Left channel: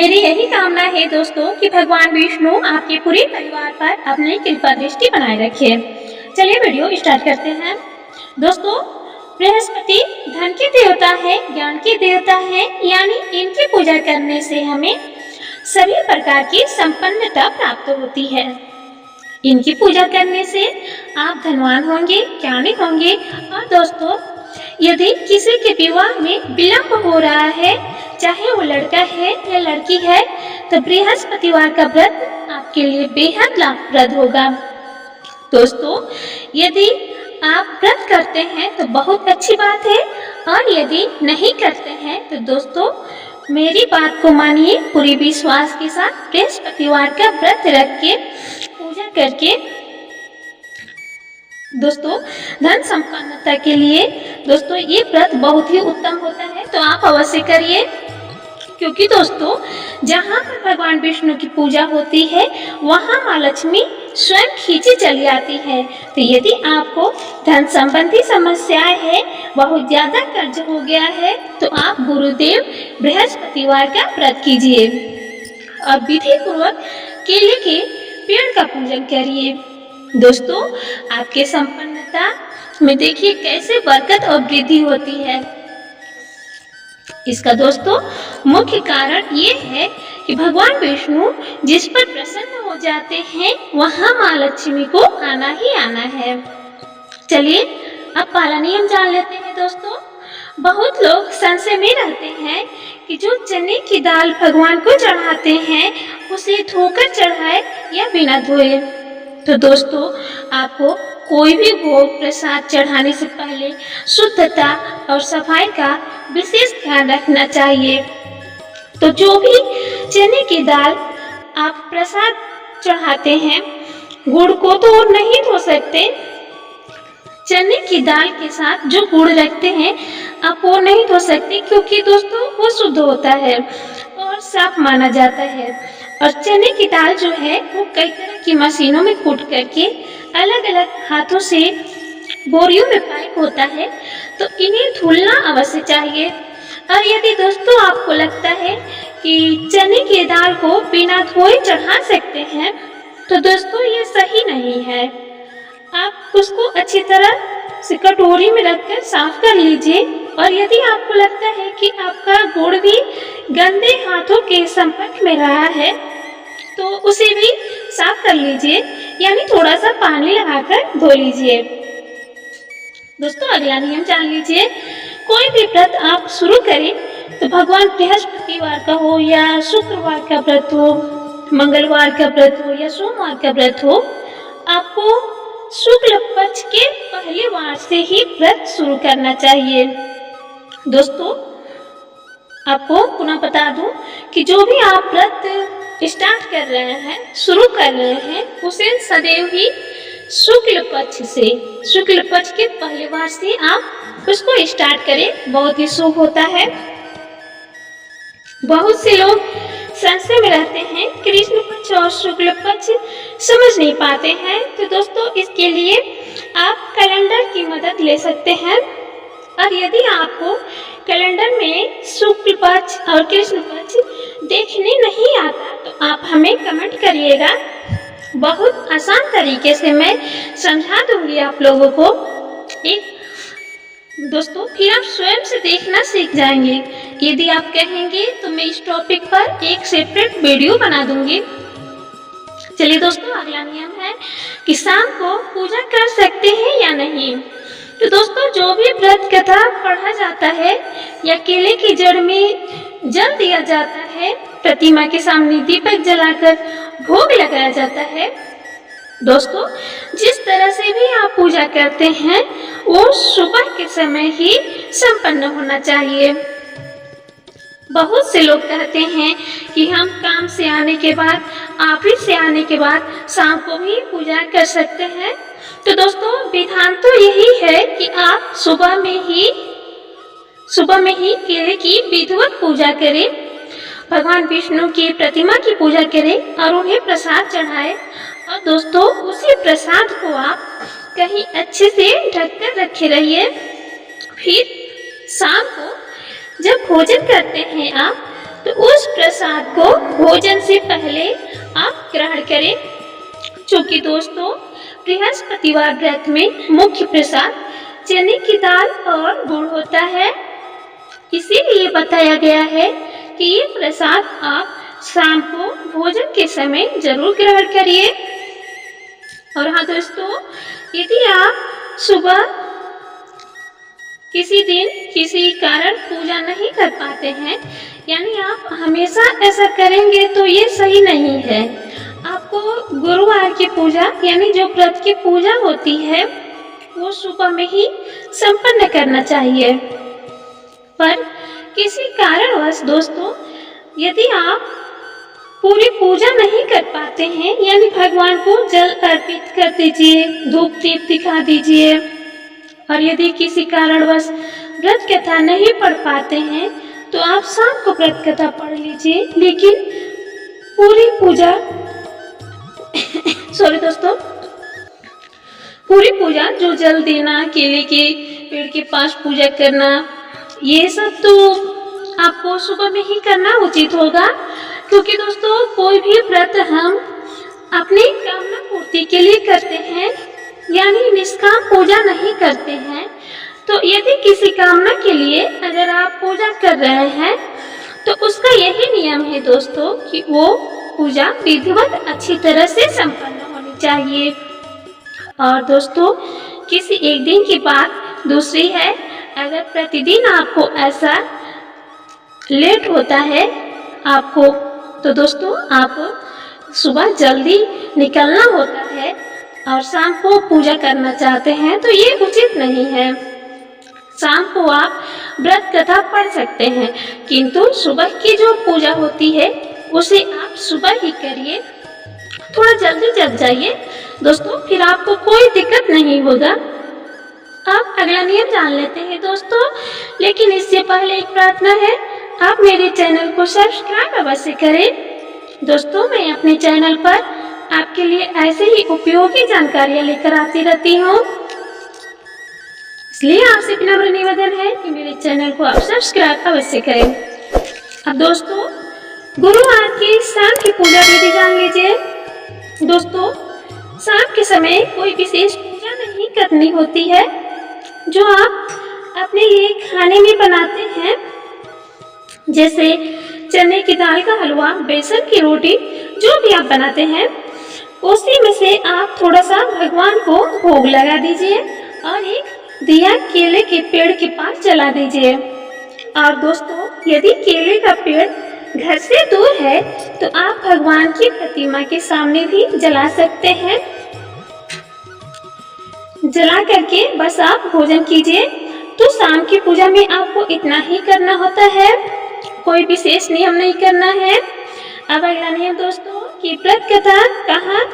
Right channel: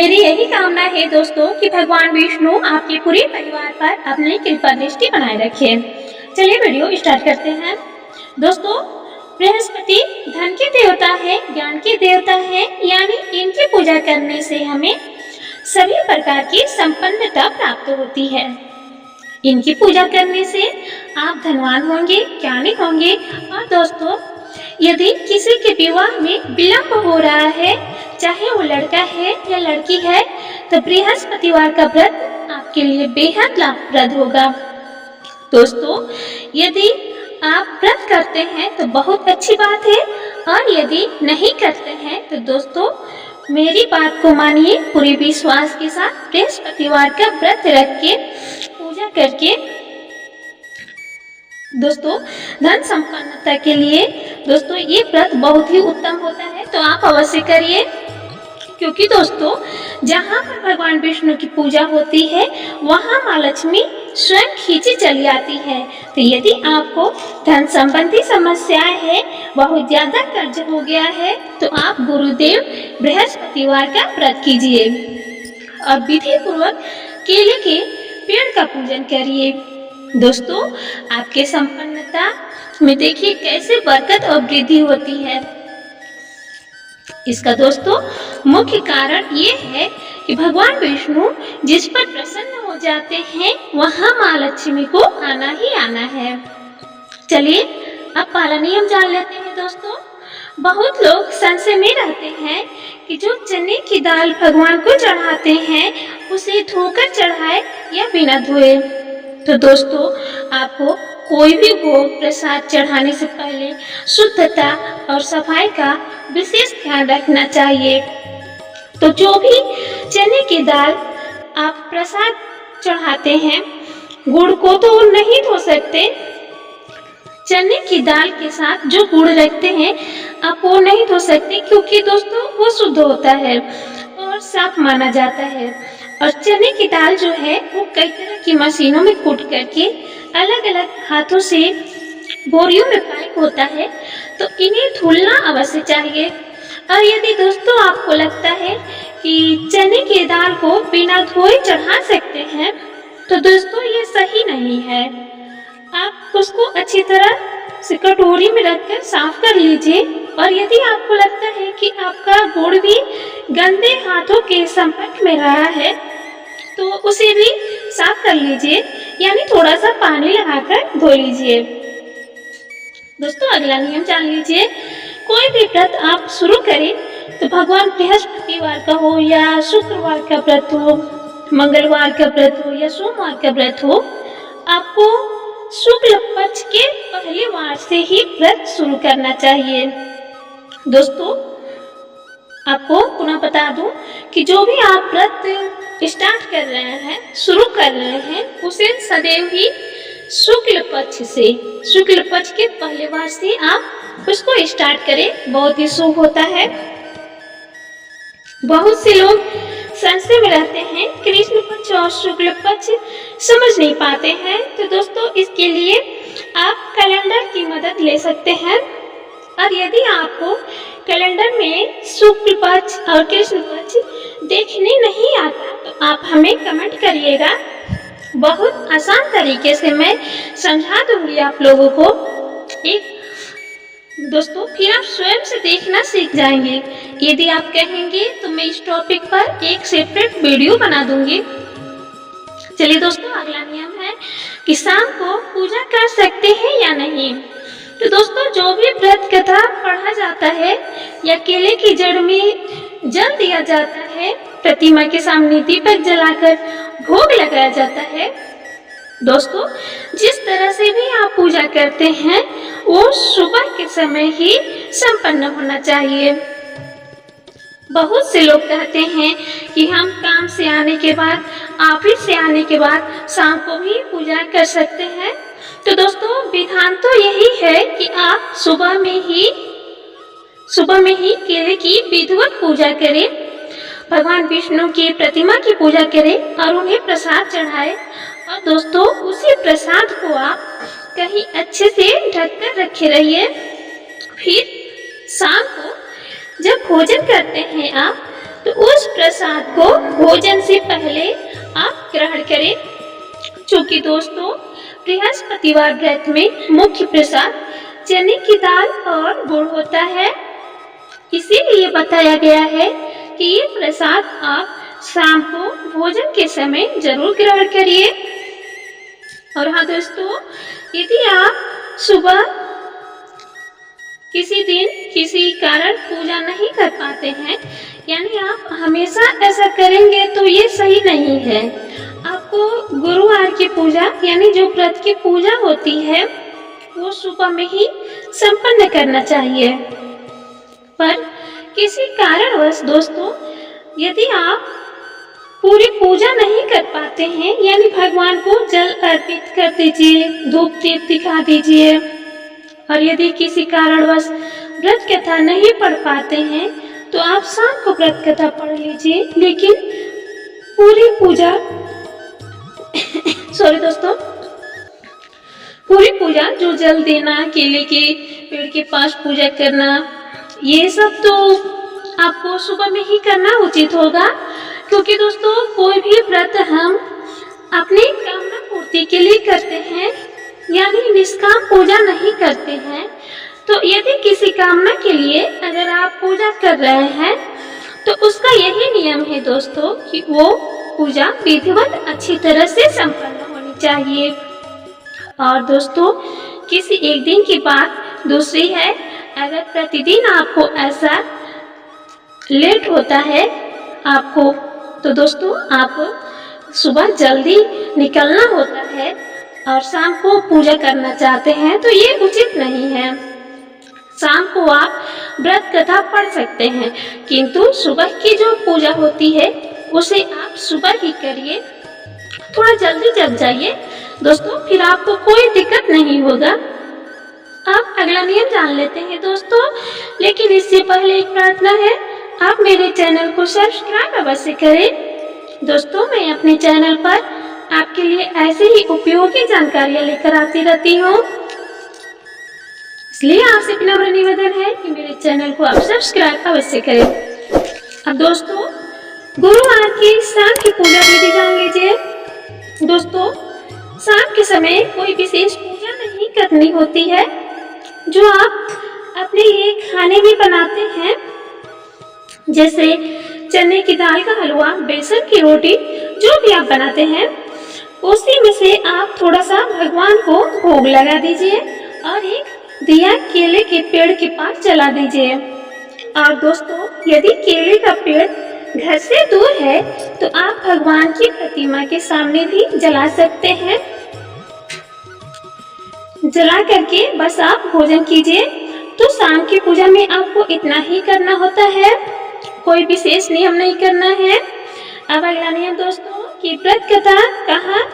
मेरी यही कामना है दोस्तों कि भगवान विष्णु आपके पूरे परिवार पर अपनी कृपा दृष्टि बनाए रखे। चलिए वीडियो स्टार्ट करते हैं। दोस्तों, बृहस्पति धन के देवता है, ज्ञान के देवता है, यानी इनकी पूजा करने से हमें सभी प्रकार की संपन्नता प्राप्त होती है। इनकी पूजा करने से आप धनवान होंगे, ज्ञानी होंगे। और दोस्तों, यदि किसी के विवाह में विलंब हो रहा है, चाहे वो लड़का है या लड़की है, तो बृहस्पतिवार का व्रत आपके लिए बेहद लाभप्रद होगा। दोस्तों, यदि आप व्रत करते हैं तो बहुत अच्छी बात है, और यदि नहीं करते हैं तो दोस्तों मेरी बात को मानिए, पूरी विश्वास के साथ बृहस्पतिवार का व्रत रख के पूजा करके दोस्तों धन संपन्नता के लिए दोस्तों ये व्रत बहुत ही उत्तम होता है। तो आप अवश्य करिए, क्योंकि दोस्तों जहाँ पर भगवान विष्णु की पूजा होती है वहाँ माँ लक्ष्मी स्वयं खींची चली आती है। तो यदि आपको धन संबंधी समस्याएं है, बहुत ज्यादा कर्ज हो गया है, तो आप गुरुदेव बृहस्पतिवार का व्रत कीजिए और विधि पूर्वक केले के पेड़ का पूजन करिए। दोस्तों, आपके संपन्नता में देखिए कैसे बरकत और वृद्धि होती है। इसका दोस्तों मुख्य कारण ये है कि भगवान विष्णु जिस पर प्रसन्न हो जाते हैं वहां माँ लक्ष्मी को आना ही आना है। चलिए अब पहला नियम जान लेते हैं। दोस्तों, बहुत लोग संशय में रहते हैं कि जो चने की दाल भगवान को चढ़ाते हैं उसे धोकर चढ़ाए या बिना धोए। तो दोस्तों, आपको कोई भी भोग प्रसाद चढ़ाने से पहले शुद्धता और सफाई का विशेष ध्यान रखना चाहिए। तो जो भी चने की दाल आप प्रसाद चढ़ाते हैं, गुड़ को तो नहीं धो सकते। चने की दाल के साथ जो गुड़ रखते हैं आप वो नहीं धो सकते, क्योंकि दोस्तों वो शुद्ध होता है और साफ माना जाता है। और चने की दाल जो है वो कई तरह की मशीनों में कूट करके अलग अलग हाथों से बोरियों में पैक होता है, तो इन्हें धुलना अवश्य चाहिए। और यदि दोस्तों आपको लगता है कि चने की दाल को बिना धोए चढ़ा सकते हैं, तो दोस्तों ये सही नहीं है। आप उसको अच्छी तरह से कटोरी में रखकर साफ कर लीजिए। और यदि आपको लगता है कि आपका गुड़ भी गंदे हाथों के संपर्क में रहा है, तो उसे भी साफ कर लीजिए, यानी थोड़ा सा पानी लगाकर धो लीजिए। दोस्तों, अगला नियम जान लीजिए। कोई भी व्रत आप शुरू करें तो भगवान बृहस्पतिवार का हो या शुक्रवार का व्रत हो, मंगलवार का व्रत हो या सोमवार का व्रत हो, आपको शुक्ल पक्ष के पहले वार से ही व्रत शुरू करना चाहिए। दोस्तों, आपको पुनः बता दूं कि जो भी आप व्रत स्टार्ट कर रहे हैं, शुरू कर रहे हैं, उसे सदैव ही शुक्ल पक्ष के पहले वार से आप उसको स्टार्ट करें, बहुत ही शुभ होता है। बहुत से लोग संशय में रहते हैं, कृष्ण पक्ष और शुक्ल पक्ष समझ नहीं पाते हैं। तो दोस्तों इसके लिए आप कैलेंडर की मदद ले सकते हैं। और यदि आपको कैलेंडर में शुक्ल पक्ष और कृष्ण पक्ष देखने नहीं आता तो आप हमें कमेंट करिएगा, बहुत आसान तरीके से मैं समझा दूंगी आप लोगों को। दोस्तों, फिर आप स्वयं से देखना सीख जाएंगे। यदि आप कहेंगे तो मैं इस टॉपिक पर एक सेपरेट वीडियो बना दूंगी। चलिए दोस्तों, अगला नियम है कि शाम को पूजा कर सकते हैं या नहीं। तो दोस्तों, जो भी व्रत कथा पढ़ा जाता है या केले की जड़ में जल दिया जाता है, प्रतिमा के सामने दीपक जलाकर भोग लगाया जाता है, दोस्तों जिस तरह से भी आप पूजा करते हैं वो सुबह के समय ही संपन्न होना चाहिए। बहुत से लोग कहते हैं कि हम काम से आने के बाद, ऑफिस से आने के बाद शाम को भी पूजा कर सकते हैं। तो दोस्तों विधान तो यही है कि आप सुबह में ही केले की विधिवत पूजा करें, भगवान विष्णु की प्रतिमा की पूजा करें और उन्हें प्रसाद चढ़ाएं। और दोस्तों उसी प्रसाद को आप कहीं अच्छे से ढककर रखे रहिए। फिर शाम को जब भोजन करते हैं आप, तो उस प्रसाद को भोजन से पहले आप ग्रहण करें। क्योंकि दोस्तों बृहस्पतिवार व्रत में मुख्य प्रसाद चने की दाल और गुड़ होता है। इसीलिए बताया गया है कि ये प्रसाद आप शाम को भोजन के समय जरूर ग्रहण करिए। और हाँ दोस्तों, यदि आप सुबह किसी दिन किसी कारण पूजा नहीं कर पाते हैं, यानी आप हमेशा ऐसा करेंगे तो ये सही नहीं है। आपको गुरुवार की पूजा यानी जो व्रत की पूजा होती है वो सुबह में ही संपन्न करना चाहिए। पर किसी कारणवश दोस्तों यदि आप पूरी पूजा नहीं कर पाते हैं, यानी भगवान को जल अर्पित कर दीजिए, धूप दीप दिखा दीजिए। और यदि किसी कारणवश व्रत कथा नहीं पढ़ पाते हैं तो आप शाम को व्रत कथा पढ़ लीजिए, लेकिन पूरी पूजा सॉरी दोस्तों, पूरी पूजा जो जल देना, केले के पेड़ के पास पूजा करना, ये सब तो आपको सुबह में ही करना उचित होगा। क्योंकि दोस्तों कोई भी व्रत हम अपनी कामना पूर्ति के लिए करते हैं, यानी निष्काम पूजा नहीं करते हैं। तो यदि किसी कामना के लिए अगर आप पूजा कर रहे हैं तो उसका यही नियम है दोस्तों कि वो पूजा विधिवत अच्छी तरह से संपन्न होनी चाहिए। और दोस्तों किसी एक दिन की बात दूसरी है, अगर प्रतिदिन आपको ऐसा लेट होता है आपको, तो दोस्तों आप सुबह जल्दी निकलना होता है और शाम को पूजा करना चाहते हैं तो ये उचित नहीं है। शाम को आप व्रत कथा पढ़ सकते हैं, किंतु सुबह की जो पूजा होती है उसे आप सुबह ही करिए। थोड़ा जल्दी जग जाइए दोस्तों, फिर आपको कोई दिक्कत नहीं होगा। अब अगला नियम जान लेते हैं दोस्तों, लेकिन इससे पहले एक प्रार्थना है, आप मेरे चैनल को सब्सक्राइब अवश्य करें। दोस्तों मैं अपने चैनल पर आपके लिए ऐसे ही उपयोगी जानकारियां लेकर आती रहती हूँ, इसलिए आपसे विनम्र निवेदन है कि मेरे चैनल को आप सब्सक्राइब अवश्य करें। अब दोस्तों गुरुवार की शाम की पूजा विधि जान लीजिए। दोस्तों शाम के समय कोई विशेष पूजा नहीं करनी होती है। जो आप अपने लिए खाने में बनाते हैं, जैसे चने की दाल का हलवा, बेसन की रोटी, जो भी आप बनाते हैं, उसी में से आप थोड़ा सा भगवान को भोग लगा दीजिए और एक दिया केले के पेड़ के पास जला दीजिए। और दोस्तों यदि केले का पेड़ घर से दूर है तो आप भगवान की प्रतिमा के सामने भी जला सकते हैं। जला करके बस आप भोजन कीजिए। तो शाम की पूजा में आपको इतना ही करना होता है, कोई विशेष नियम नहीं करना है। अब अगला नियम दोस्तों कि व्रत कथा कहाँ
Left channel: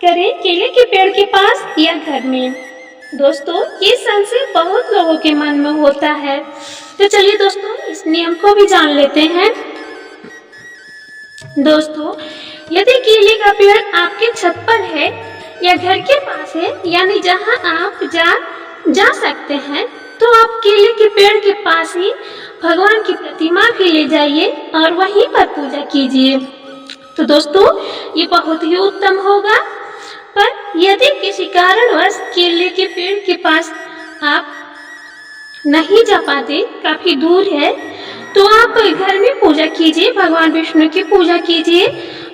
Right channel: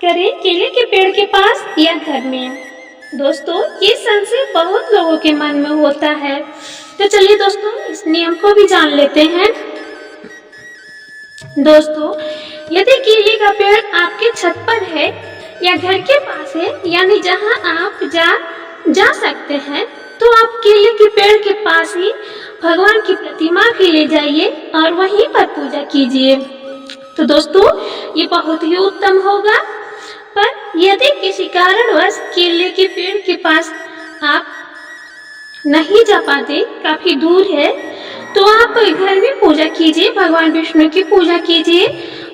करें, केले के पेड़ के पास या घर में। दोस्तों ये संशय बहुत लोगों के मन में होता है, तो चलिए दोस्तों इस नियम को भी जान लेते हैं। दोस्तों यदि केले का पेड़ आपके छत पर है या घर के पास है, यानी जहां आप जा सकते हैं, तो आप केले के पेड़ के पास ही भगवान की प्रतिमा भी ले जाइए और वहीं पर पूजा कीजिए। तो दोस्तों ये बहुत ही उत्तम होगा। पर यदि किसी कारणवश केले के पेड़ के पास आप नहीं जा पाते, काफी दूर है, तो आप घर में पूजा कीजिए, भगवान विष्णु की पूजा कीजिए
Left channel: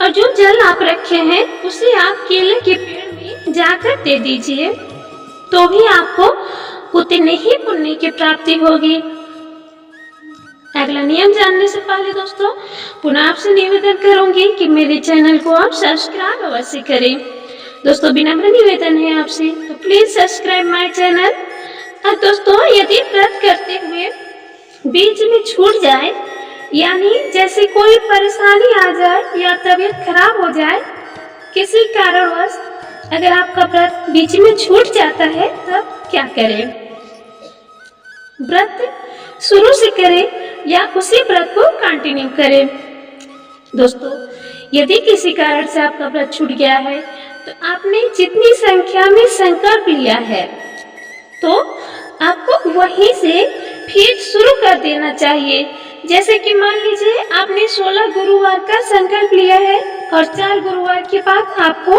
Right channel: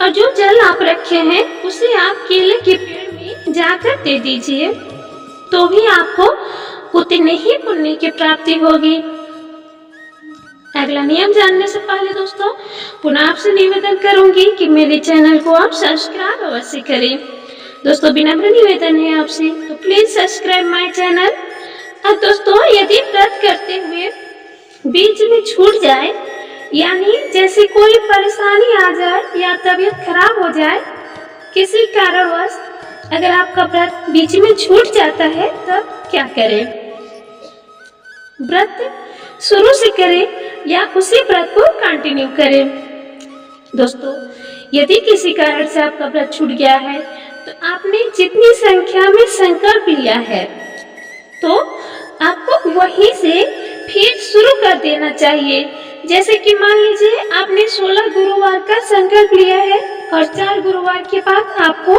और जो जल आप रखे हैं उसे आप केले के पेड़ में जाकर दे दीजिए, तो भी आपको उतने ही पुण्य की प्राप्ति होगी। अगला नियम जानने से पहले दोस्तों पुनः आपसे निवेदन करूंगी कि मेरे चैनल को आप सब्सक्राइब अवश्य करें। दोस्तों विनम्र निवेदन है आपसे, तो प्लीज सब्सक्राइब माय चैनल। और दोस्तों यदि व्रत करते हुए बीच में छूट जाए, यानी जैसे कोई परेशानी आ जाए या तबीयत खराब हो जाए, किसी कारणवश अगर आपका व्रत बीच में छूट जाता है तब क्या करें? व्रत शुरू से करें या उसी व्रत को कंटिन्यू करें? दोस्तों यदि किसी कारण से आपका व्रत छूट गया है तो आपने जितनी संख्या में संकल्प लिया है तो आपको वहीं से फिर शुरू कर देना चाहिए, जैसे कि मान लीजिए आपने 16 गुरुवार का संकल्प लिया है और 4 गुरुवार के बाद आपको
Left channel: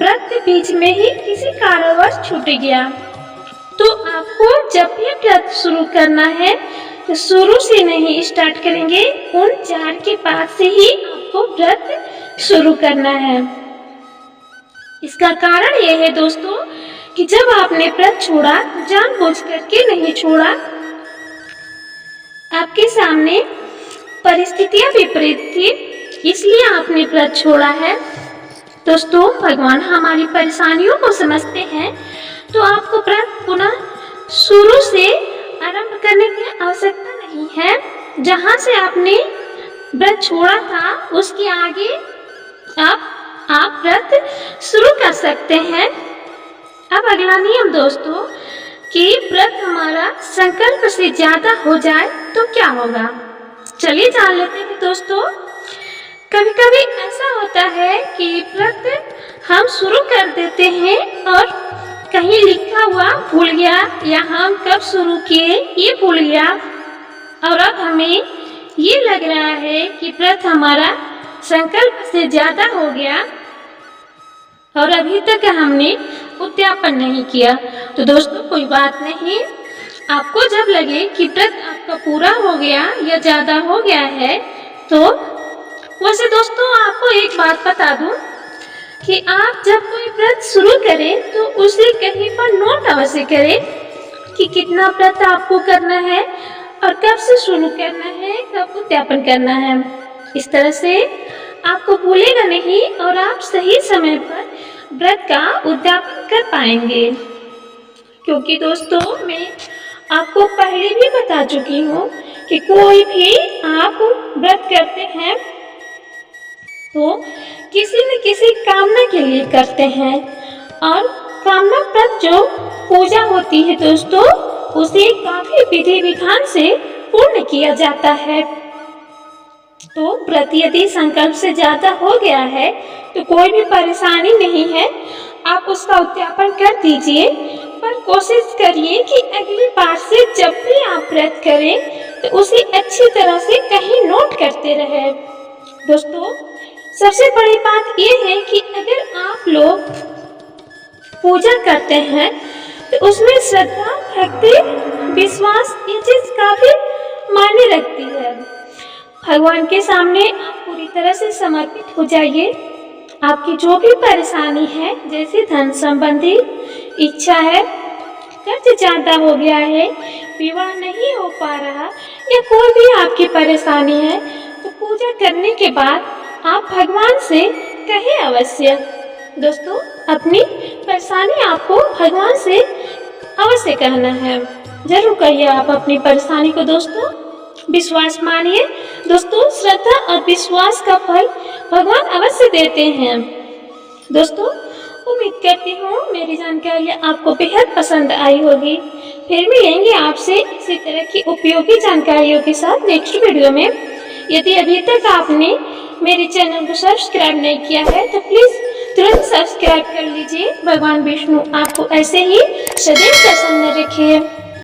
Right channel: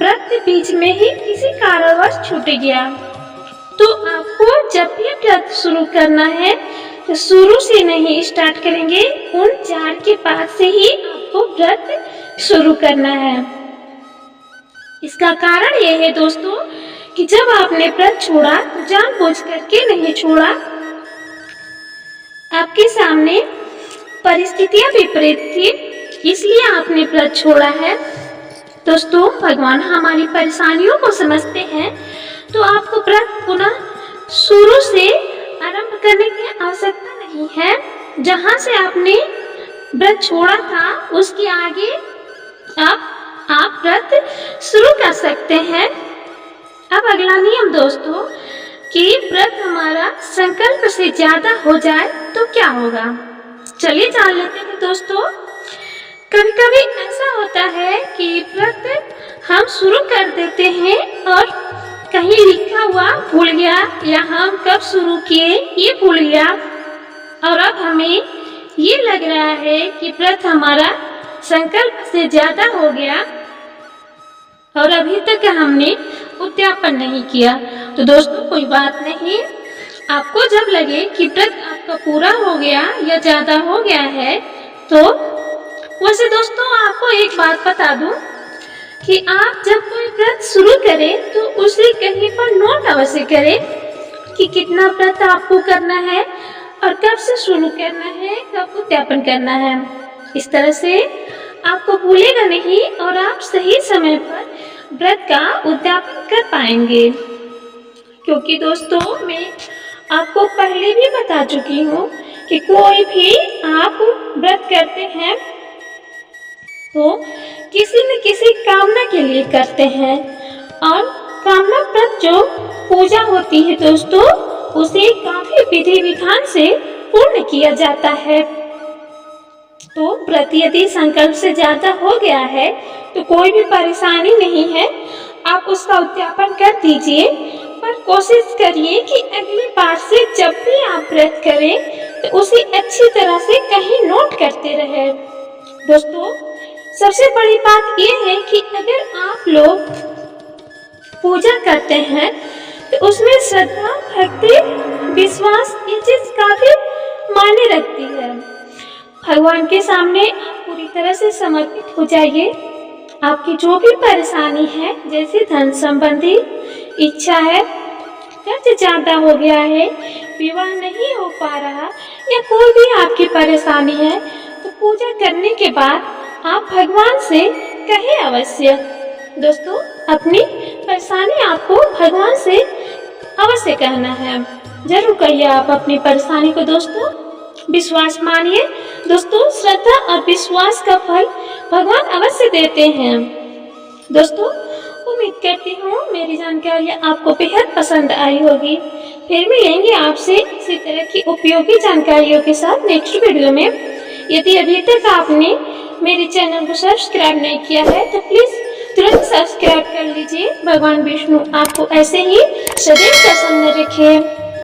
व्रत बीच में ही किसी कारणवश छूट गया, तो आपको जब भी व्रत शुरू करना है तो शुरू से नहीं स्टार्ट करेंगे, उन 4 के बाद से ही आपको व्रत शुरू करना है। इसका कारण यह है दोस्तों कि जब आपने व्रत छोड़ा तो जानबूझ करके नहीं छोड़ा, आपके सामने परिस्थितियां विपरीत थी, इसलिए आपने व्रत छोड़ा है। दोस्तों, भगवान हमारी परेशानियों को समझते हैं, तो आपको व्रत पुनः शुरू से आरंभ करने की आवश्यकता नहीं है। जहां से आपने व्रत छोड़ा था उसके आगे आप व्रत शुरू कर सकते हैं। अब अगला नियम दोस्तों कि व्रत हमारा संकल्प से ज्यादा हो जाए तो क्या होगा, चलिए जान लेते हैं दोस्तों। कभी कभी ऐसा होता है कि व्रत हम शुरू कर देते हैं और कहीं लिखा हुआ भूल गया या हम कब शुरू किए ये भूल गया, और अब हमें ये लग रहा है कि व्रत हमारा संकल्प से ज्यादा हो गया और अभी तक हमने उद्यापन नहीं किया। तो दोस्तों कोई बात नहीं, आपको जब लगे कि व्रत आपका पूरा हो गया या ज्यादा हो गया है, तो वैसे दोस्तों आपको एक बात बता दूं कि आप जब कोई व्रत शुरू करें तो उसे कहीं पर नोट अवश्य करें कि कितना व्रत आपको करना है और कब से शुरू करना है, कब उद्यापन करना है। इस तरह से आपको भूलेगा नहीं और आप सही समय पर व्रत का उद्यापन कर पाएंगे। क्योंकि दोस्तों मैं आपको पहले भी बता चुकी हूँ कि कोई भी आप व्रत करते हैं तो किसी न किसी कामना के लिए करते हैं, और कामना व्रत जो पूजा होती है दोस्तों उसे काफी विधि विधान से पूर्ण किया जाता है। तो व्रत यदि संकल्प से ज्यादा हो गया है तो कोई भी परेशानी नहीं है, आप उसका उद्यापन कर दीजिए, पर कोशिश करिए कि अगली बार से जब भी आप व्रत करें तो उसे अच्छी तरह से कहीं नोट करते रहे। दोस्तों सबसे बड़ी बात यह है कि अगर आप लोग पूजा करते हैं तो उसमें श्रद्धा, भक्ति, विश्वास ये चीज काफी मायने रखती है। भगवान के सामने आप पूरी तरह से समर्पित हो जाइए। आपकी जो भी परेशानी है, जैसे धन संबंधी इच्छा है, कर्ज ज्यादा हो गया है, विवाह नहीं हो पा रहा, या कोई भी आपकी परेशानी है, तो पूजा करने के बाद आप भगवान से कहें अवश्य। दोस्तों अपनी परेशानी आपको भगवान से अवश्य कहना है, जरूर कहिए आप अपनी परेशानी को दोस्तों। विश्वास मानिए दोस्तों, श्रद्धा और विश्वास का फल भगवान अवश्य देते हैं। दोस्तों उम्मीद करती हूँ मेरी जानकारी आपको बेहद पसंद आई होगी। फिर मिलेंगे आपसे इसी तरह की उपयोगी जानकारियों के साथ नेक्स्ट वीडियो में। यदि अभी तक आपने मेरे चैनल को सब्सक्राइब नहीं किया है तो प्लीज तुरंत सब्सक्राइब कर लीजिए। भगवान विष्णु आपको ऐसे ही सदैव प्रसन्न रखे।